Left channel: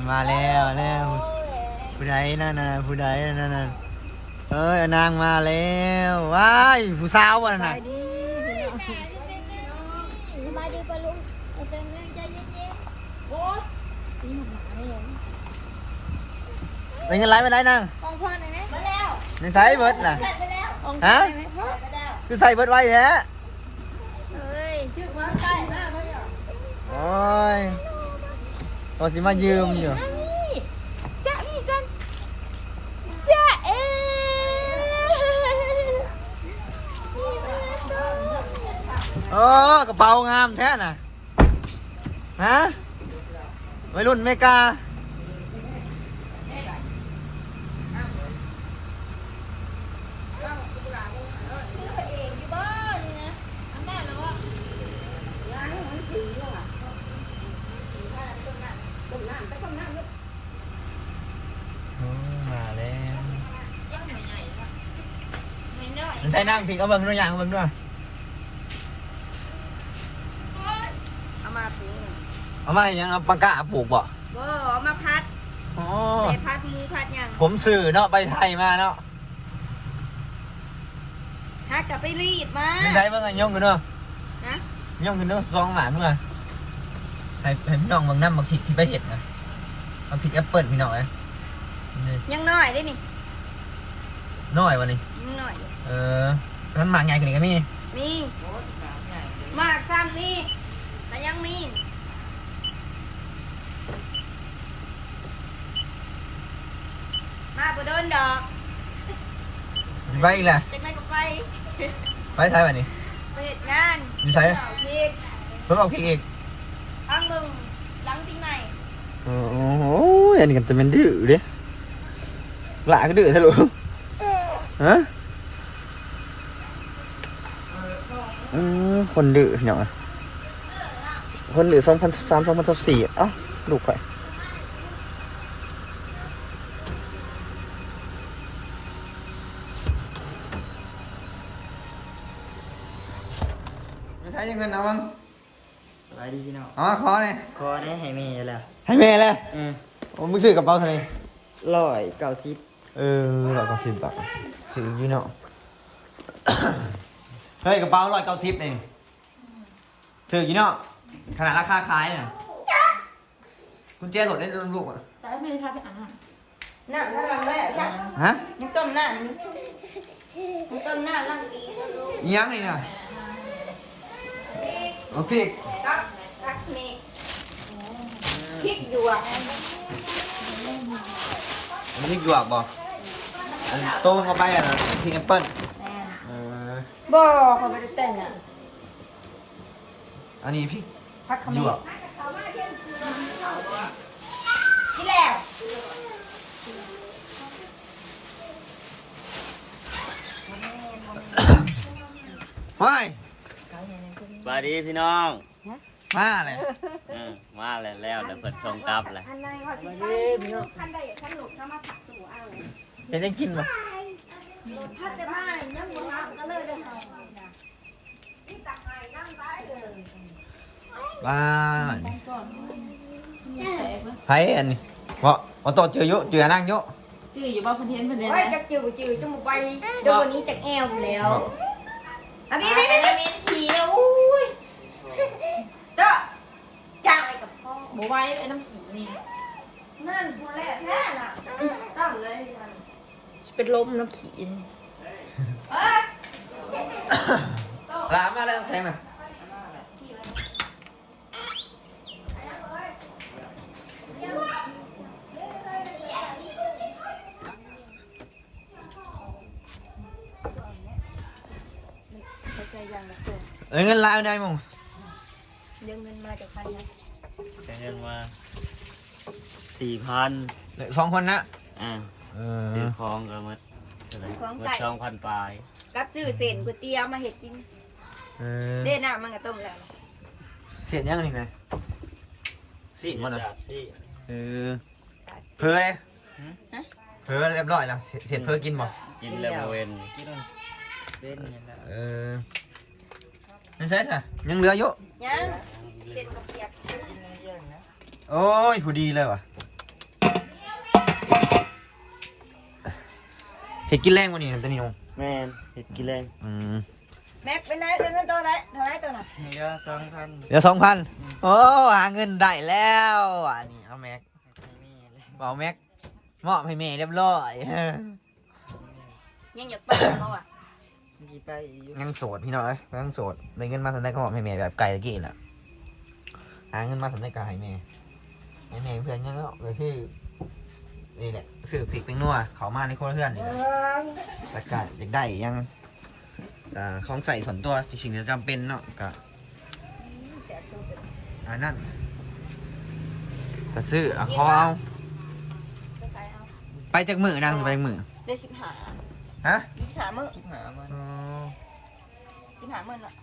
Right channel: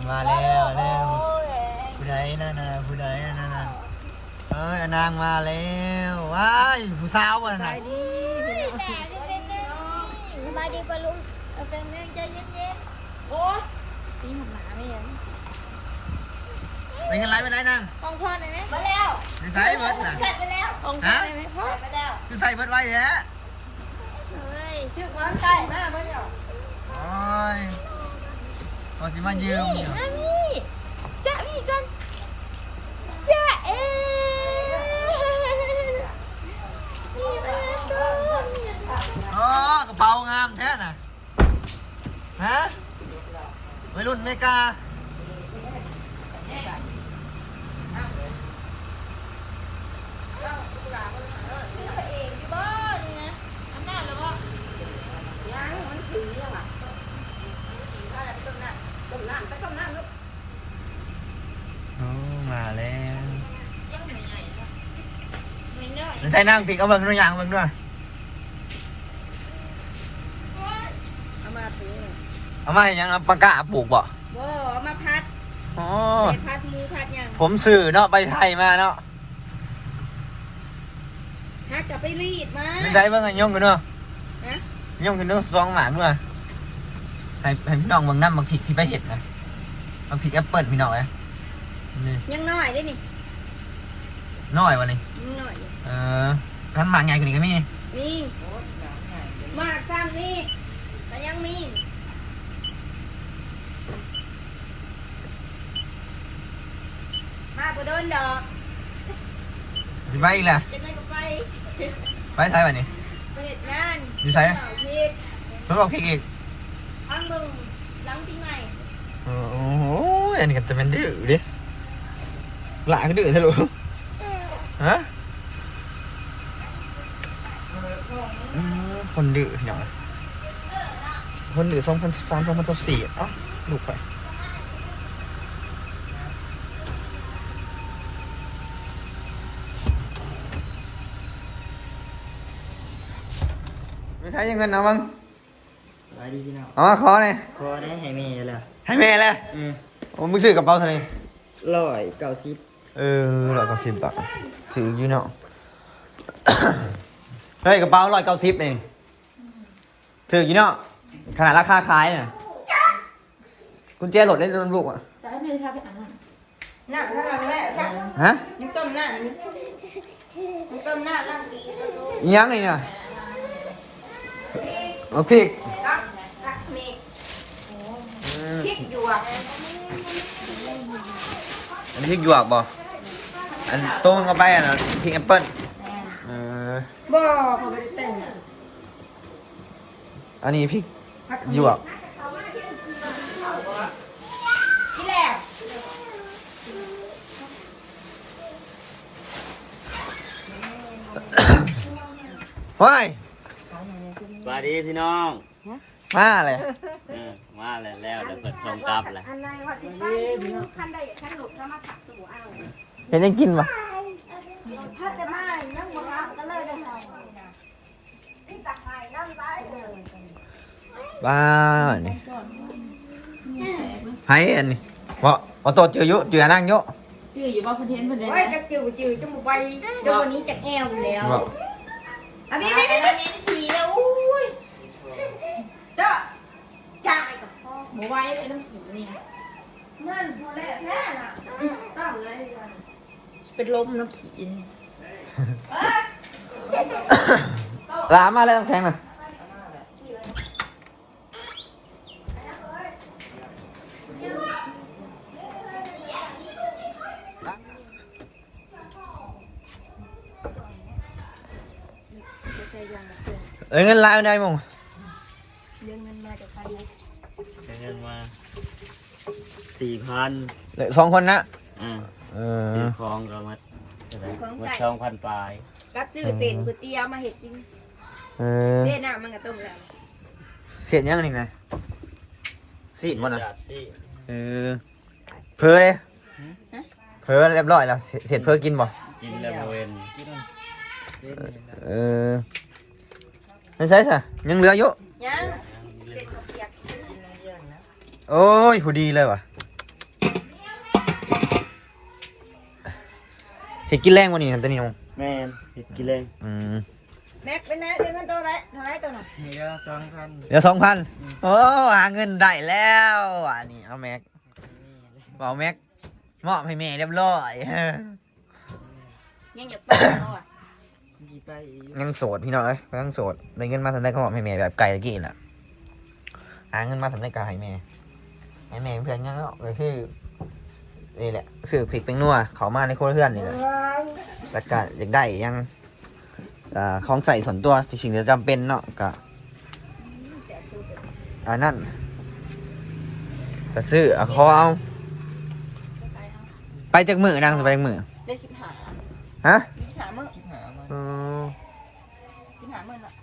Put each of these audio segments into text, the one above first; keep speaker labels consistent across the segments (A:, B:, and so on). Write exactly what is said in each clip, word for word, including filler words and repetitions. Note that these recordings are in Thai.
A: มาแล้วแล้วผู้ใดนั่นน่ะผู้ใดนั่นน่ะเอ้ยนางมาแล้วว้ายผู้สาววะน่ะ
B: สบายดีปะลุงเอาเป็นเรื่องใจเย็นๆโอ้ตีหัวหนาไม่เห็น
A: ได้เงินไรไปได้นาง
B: กองพ่อได้ไหมมาแล้ว
A: ในใส่เบิร์ดน่ะ
B: เสร็จไปแล้วกองพ่อได้ไหมพ่อไปแล้ว
A: คือใส่เบิร์ดไว้แท้
B: เฮ้ยชื่อมันใส่มากไม่หรอ
A: โอ้ยตัวสิมายืมอยู่
B: นี่จะมีกันจะเอ๊มีมาส้ม
A: โอ้กระเป๋างามแท้น่ะฮะวัยรุ่นเมกา
B: เองที่บ้านนี่นะอำนาจแล้วว่าล้างมันสีอ่ะต้มน้ำต้มน้ำไปต้มน้ำลูก
A: โอ้มาแล้ว
B: ยังไม่ใหญ่ไม่น้อย
A: มันใส่นางผิกเอาเบิ่งตัวอย่างเบิ่งด้วย
B: เอามาปรุง
A: เอามาให้ยังเอาปากกาปลูกบ่
B: บ่เอามาพัด
A: อ๋อ
B: เศษพัดหมูพัดยัง
A: ผมสื่อเนาะไปไทยมาเนาะ
B: พัดกับไปรีดมา
A: มันใส่เบิ่งให้ย่องกันเนาะ
B: นะ
A: ย่องกันเนาะสองหมาเพื่อให้ให้พี่น้องเบิ่งน้ำบักผิดที่ไปเห็ดนะบักผิดแอปเปิลพี่น้องนะนี่
B: ยังน้อยได้นี่
A: น้อยวันนี้
B: ยังน้อยอยู่
A: เออท่านหมากใหญ่กว่านี้ก็มี
B: นี่มากซ้ำนี่แต่ยังมีมาบ่โดนดอก
A: สิไปอีกแหละ
B: จังไดก็ไป
A: ไปไทยวันนี้
B: ไปเฮ็ดงาน
A: อยู่ไส
B: เอาผิด
A: สวนบอกผิดอีก
B: ทางมึงยังปีใหม่
A: โอ้โหอันนี้ก็จะเป็นดื้อเด้หลาก็ดื้อทะลุฮะอือคนดื้อเนาะคนดื้อสองพันสิบสามสองพันสิบสี่เอ้าลูกใครไม่ใช่ยังเงินเอาบ้าง
C: สบายดีพี่น้อง
A: เอามาขอเลย
C: คอได้ให้แม่แล้ว
A: ให้แม่เลย
C: อืม
A: ผมมึงซื้อกระเป๋าเท่าไหร่
C: ร้อยเก้าสิบ
A: เออร้อยเก้าสิบบาทถืออยู่เนาะ เฮ้ยกระเป๋าร้อยเก้าสิบเองถืออยู่เนาะขนาดราคาขายน่ะกุญแจรถได้รถลูกอ่ะ
B: แต่ไม่ได้ทำให้อ่านน่ะถ้าทำแม่ใช่
A: ฮะ
B: ยังต้มหน้ายังต้มหน้านั่งกิน
A: อีหยังนี่น่ะ
B: นี่
A: โอเค
B: ตักตักนี่พริกหยวก
A: อันนี้พริกหยวกบ่อันโต้งเข้าไปอ่ะนะพริกแอปเปิ้ล
B: แม่น
A: เออ
B: บ่เขาไม่ได้เต้นอ่ะ
A: อันนี้พริก
B: พักข
A: หยวก
B: ที่แรก
A: ว้าย
C: สบายดีพี่น้อง
A: มาเลย
C: เออมาแล้วแล้วเดี๋ยวเปิดส่งกลับเลย
B: อันใดว่าสิไปท่านใดท่านหลุดท่านมาผักสู่เอา
A: เห็นยังกินปะ
B: พัดจะมายังบ่รับก็เลยได้เอา
A: บ้านี่ให้อันนี้เพราะพอโตเจอเยอะเจอนั่งเยอะ
D: ชื่ออยู่ว่าคอนเทนต์เพิ่นเด้
B: เฮ้ยจักจืดจืดจมูกไปจมูกนี้จักแอวแล้ว
A: บอก
B: อ่ะพี่พี่พี่พี่ขี่แล้วอุ้ยเด้อจัก
D: บ่ไหวไอ้น้ำขี้นี่
B: นั่นพอแล้วแน่น่ะต้องเลย
D: เป็นลมน้ำขี้นี่
B: เฮ้ย
A: ลามาเลยต้องแทงนะเอ้ยเงินลายไม่ได้มั้ง
B: เรื่องเงินมาจากใครนะ
C: ใช้เงินมาสี่พัน
A: เหลือสองคนนะ
C: อ่า
A: เอ
C: ซื้
A: อ
C: อของก็มาเท่าไหร่มาสองพันปลาย
B: กับชื่อเส้นก๋วยเตี๋ยวมาเห็ดกิน
A: เออ
B: เด่นน่ะมันก็ต้มแล้ว
A: เสียดยังนี่ไงสีดมันอ่ะ
C: จัดสิ
A: เออเพอเลยเพอเรียบร้อยแล้วเสร็จเพอกินบ่
C: กินแล้วเวน
A: เออไม่ใช่ใช่ยังเหลือเยอะ
B: ยังเส้นกับเปียก
A: โอ้ยผู้ดีเลยว่ะเห็ดกินแรงวันนี้นะตะนิว
C: แม่เห็ดกินแรง
A: อืม
B: แม็กเป็นไงเงินตัวไรเท่าไรตัวน่ะ
C: เยอะสองพัน
A: เดี๋ยวสองพันโอ้หาเงินได้แล้วอันนี้เอาแม็กเอาแม็กมอบให้แม่เรียบร้อย
B: ยังอยากไปเขาอ่ะ
C: กี่ไปอีก
A: ยังโสดพี่น้องเอ้ยยังโสดได้เงินมาทำได้ก็มอบให้แม่แบบไก่ตะกี้น่ะหาเงินมาทำได้ก็ให้แม่ให้แม่เพื่อนยังก็คือนี่แหละซื้อพริกแตงนัวเขามาในโครัวเพื่อนนี่แหละแล้วก็อยากได้ยังอ่าของใส่ส่วนตัวสิ่งที่จำเป็นเนาะก็อันนั้นก็ซื้อเอาเขาเอาไปจากมือนั่งไปจากมือ
B: ได้สิบหา
A: ฮะ
B: สิบหามื้อ
C: หามัน
A: อืม
B: สิบหามื้อน่ะ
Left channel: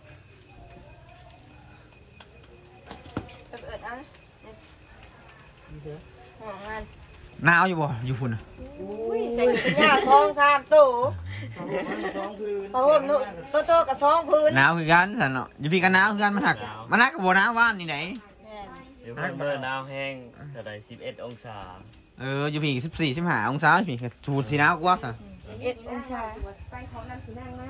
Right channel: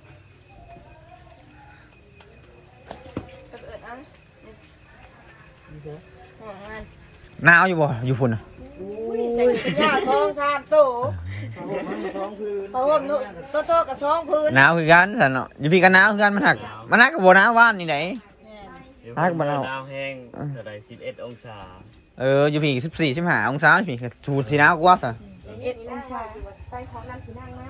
B: เอิดเอา
C: นี่เสือ
B: หัวงาน
A: หนาวอยู่บ่อยู่ฝุ่นอ่ะ
B: อุ้ยใส่ถุงยาทองสามตู้
C: สองพื้น
B: เพราะว่าหนูโตโตกับสองพื้น
A: หนาวคือกันสันเนาะอยู่พี่กันหนาวคือกันมันหักมันหักกับโบหนาวว่านนี่ไหน
C: เดี๋ยว
A: ฮักมาแล้ว
C: หนาวแห้งเท่าไรสิบเอ็ดองศา
A: เอออยู่พี่สิบสี่สิบห้าองศาพี่สูตรที่หนาวกว่าซะ
B: สิบเอ็ดองศาไปของนั่นคือนั่งมา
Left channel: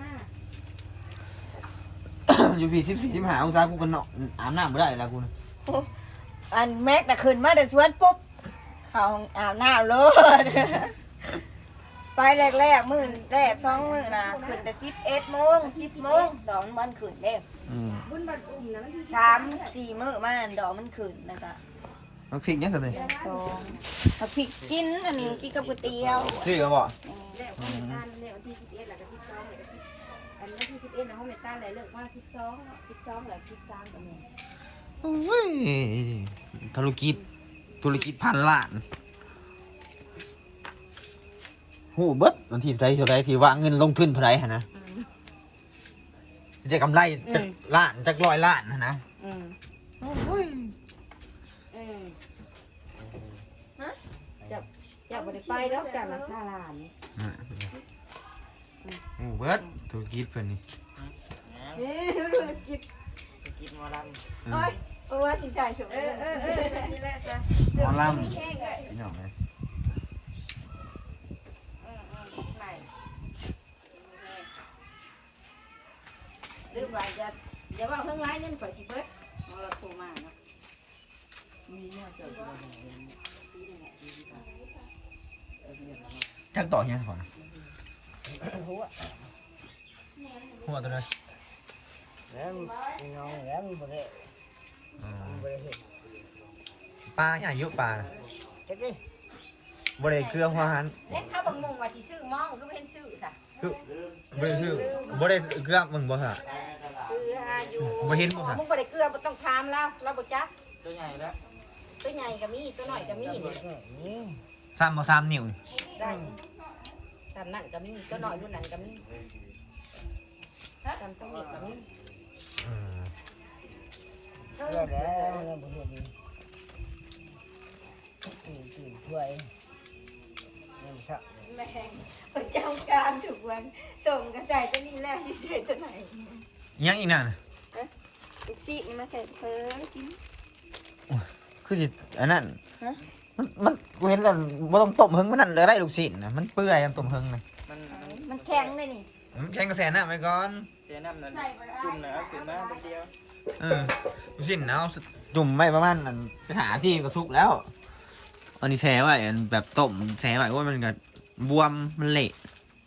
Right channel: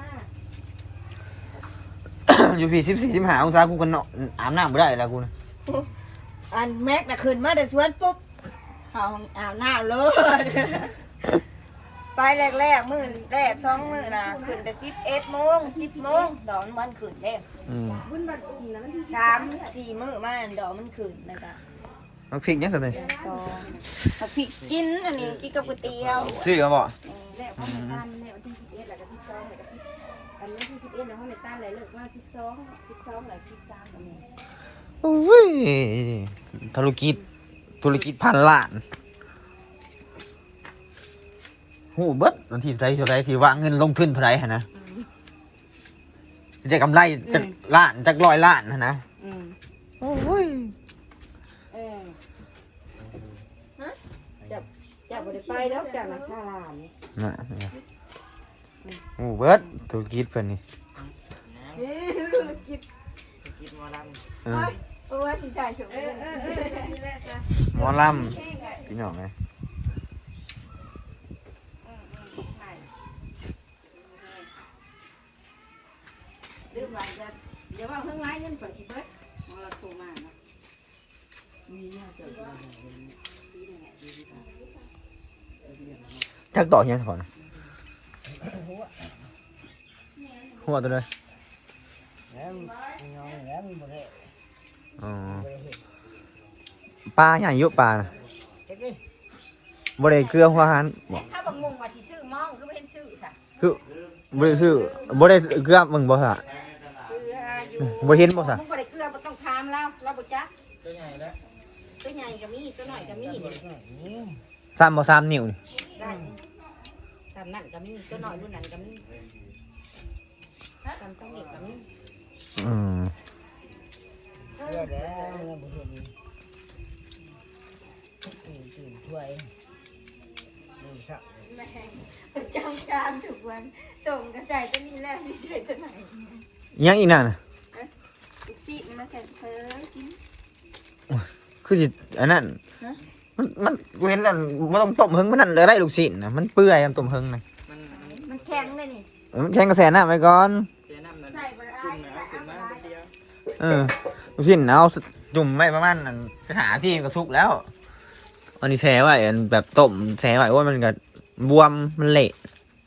A: อยู่พี่สิบสี่สิบห้าองศากูกันเนาะอาบน้ำไม่ได้แล้วกูนะ
B: อันแม็กน่ะขึ้นมาแต่สวนปุ๊บเขาอาบน้ำเลย ไปแรกๆมื้อแรกสองมื้อน่ะขึ้นแต่สิบเอ็ดโมงสิบโมงดอกมันขึ้นเด้
A: อืม
B: สามสี่มื้อมาดอกมันขึ้นนะจ๊ะ
A: มันพริกเนี่ยสิเลย
B: สองเอาพริกกินอันนี้กินกับก๋วยเตี๋ยว
A: ซื้อมาบ่
E: แล้วเขาในต้านเนี่ยวันที่สิบเอ็ดแล้วก็สิบสองแล้วก็สิบอันนี้ที่สิบเอ็ดนะเขาในต้านเลยเลิกว่าสิบสองสิบสองแล้วสิบสามแบบนี้
A: โอ้ยธุรกิจธุรกิจพันล้านหูเบิดวันที่เท่าไรเท่าไรที่ว่าเงินลงทุนเท่าไรฮะนะจะได้กำไรจากล้านจากร้อยล้านฮะนะ
B: อืม
A: โอ้ย
B: เออ
E: จับไปไปแล้วจับมาข้าวหวาน
A: น่ะหูเบิดธุรกิจเพิ่นนี่
B: เฮ้ยกิน
C: กินหมอล
A: เออ
B: โอ้ยสิใส่สุก
E: เออเออเออนี่แหละจ้ะ
A: หมอลำพี่น้องไหม
E: ลืมไว้จะเดี๋ยวว่าเพิ่งไล่เงินไปสิเบิดเราโทรมาเนาะ
A: จักต่อยังก่อนหัวตัวเลย
C: ำแล้วงองแล้วมันบ่ได้
A: อ๋อ
C: บ่ได้เห็ด
A: ปลาอย่างเยอะปลา
C: เฮ็ดดิ
A: บ่ได้เกลือหัวหัน
E: เล็กถ้าบางมุงว่าสิซื้อมองก็ไม่เห็นซื้อค่ะ
A: คือบ่ได้ซื้อบ่ได้เกลือมึงบ่ซะ
E: คืออยู่
A: บ่เห็นบ่ซะ
E: มึงบ่ได้เกลือบ่ต้องทามแล้วเราบ่จัก
C: ตัวใหญ่แล้ว
E: ตัวใหญ่ก็มีตัวน้อยก็มีนี่
C: นี่
A: ซ้ำบ่ซ้ำนิ้วนี่
E: ได้ตามนั่นก็มีตัวน้อยรุ่นนั้นก็มีตามต้องเด็กก็มี
A: อืม
C: เลือดแล้วแล้วบ่เห็ดนี่ตื่นตื่นถ้วยนี่ครับ
B: แม่ประจำการทุกวันส่งกระใส่ตัวนี้แหละที่ใส่ตัวไหน
A: ยังอีกนั่นน่ะ
B: อีกซีนี่มาใส่เพิ่มกิน
A: คือสิอันนั้น
B: ฮะ
A: มันมันกูเห็นแล้วบ่ต้องต้มเฮิงมันนั่นเลยได้ลูกชิ้นน่ะมันเปื่อยมันต้มเฮิงน่ะ
C: มันมัน
B: มันแข็งเลยนี่
A: เออมันแข็งกระแสน้ำไว้ก่อน
C: เสียน้ำนั่น
B: ใส่ไปแล้ว
C: จุ่มนะจุ่มมาเป็นเดียว
A: เออลูกชิ้นเอาจุ่มไว้ประมาณอันสิหาที่ก็สุกแล้วอันนี้แช่ไว้อันแบบต้มแช่ไว้ว่ามันก็บวมมันเละ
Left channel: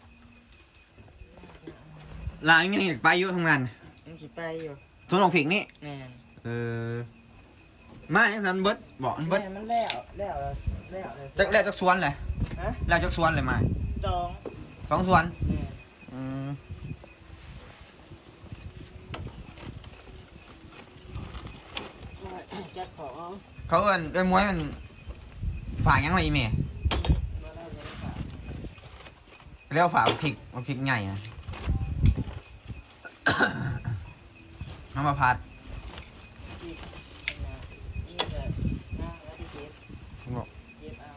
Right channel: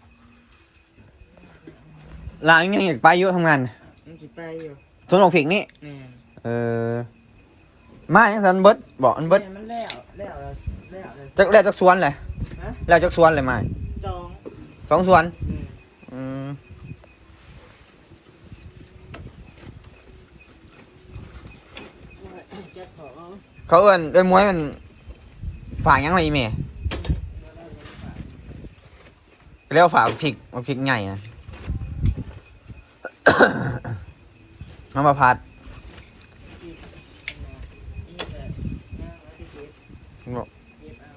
A: ลางยังอยากไปอยู่ทำงาน
C: มันสิไปอยู่
A: สวนดอกผิกนี่
C: แม่น
A: เออมาอย่างสันเบิดบอกอันเบิด
C: แม่มันแล้วแล้วแล้วแล้วแล้ว
A: จากแล้วจากสวนเลย
C: ฮะ
A: แล้วจากสวนเลยมา
C: สอง
A: สองสวน
C: แม่น
A: อืม
C: จัดของ
A: เขาเอิ้นเอ้ยมวยมันฝากหยังไงอีเมย์เรียกว่าฝากพริกมาพริกใหญ่นะ น้ำมาพัด
C: นี่ก็น่าที่เจ็ด
A: บอก
C: เจ็ดเอา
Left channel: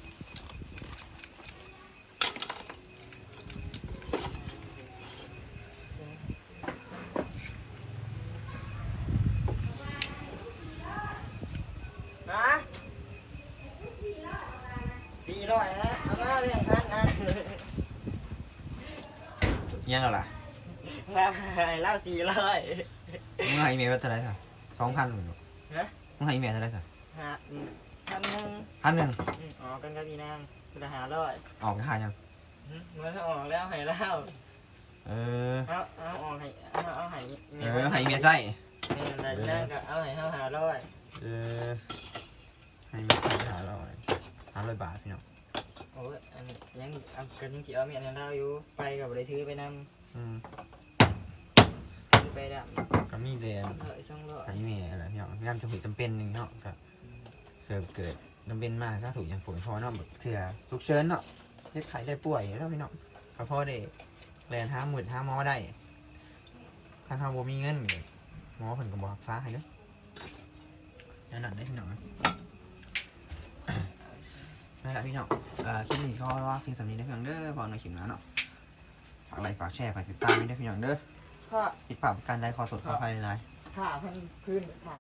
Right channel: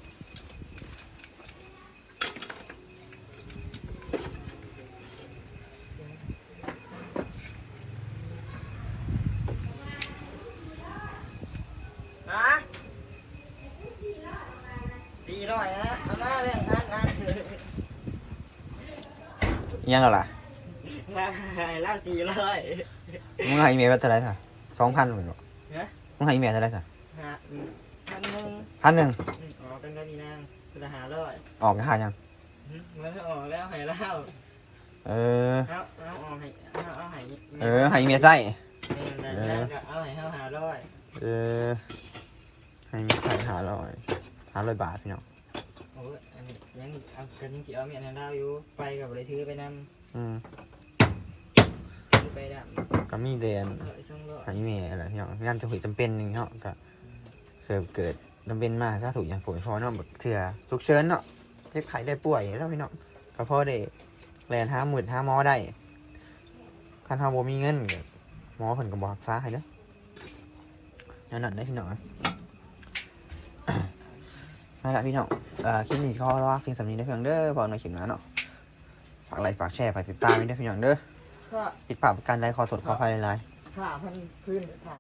C: นะสี่ร้อยนะเอามาแบ่งพันนะ
A: ยังแล้วล่ะ
C: ว่าให้เล่าสี่ร้อย
A: มึงให้อีเมลว่าเท่าไหร่ซะสองพันเหมือนบ่
C: ฮะ
A: มึงให้อีเมลเท่าไหร่ซะ
C: หาพันหนึ่ง
A: พันหนึ่ง
C: ออกกันกับพี่นางคือหาร้อย
A: ออกค่ายัง
C: มันออกแล้วให้เล่า
A: เออ
C: เอาเอาออกให้เอาเอาให้
A: เออให้อีเมลใส่
C: นี่นางก็เอาให้เฮาหาร้อย
A: เออให้อีเมลใส่หาร้อยหาร้อยบาทพี่น้อง
C: โอ้ยอันนี้ยังเอากันยังสิเอาเมียนเล่าอยู่ไปกับเลยถือไปน
A: อืม
C: ำถือไปดับ
A: ก็มีเรียน
C: เออสองร้อย
A: ให้อีเมลอะไรพี่น้องงานจะหุยจำเป็นหนึ่งเนาะก็เกิดเกิดจำเป็นมากถ้าถูกอย่างฝนพอเนาะแบบเถื่อฉุกเฉินเนาะเจ็บไข้ได้ป่วยแล้วพี่น้องก็พอได้แลนห้าหมื่นห้าหมอได้คันเฮาบ่มีเงินก็หมอเพิ่นก็บ่รักษาให้เด้อนั่นน่ะได้พี่น้องนั่นแหละพี่น้องเอ่อคลิปนี้ก็รอเพียงสำนี้ได้เพียงเด้อพอในคลิปหน้าเนาะฝากไลค์ฝากแชร์ฝากติดตามไว้ด้วยพี่น้องเด้อ
C: ค่า
A: ติดปากประกันได้ขอสดขอไฟหลายๆ
C: ค่าพันพื้นค่า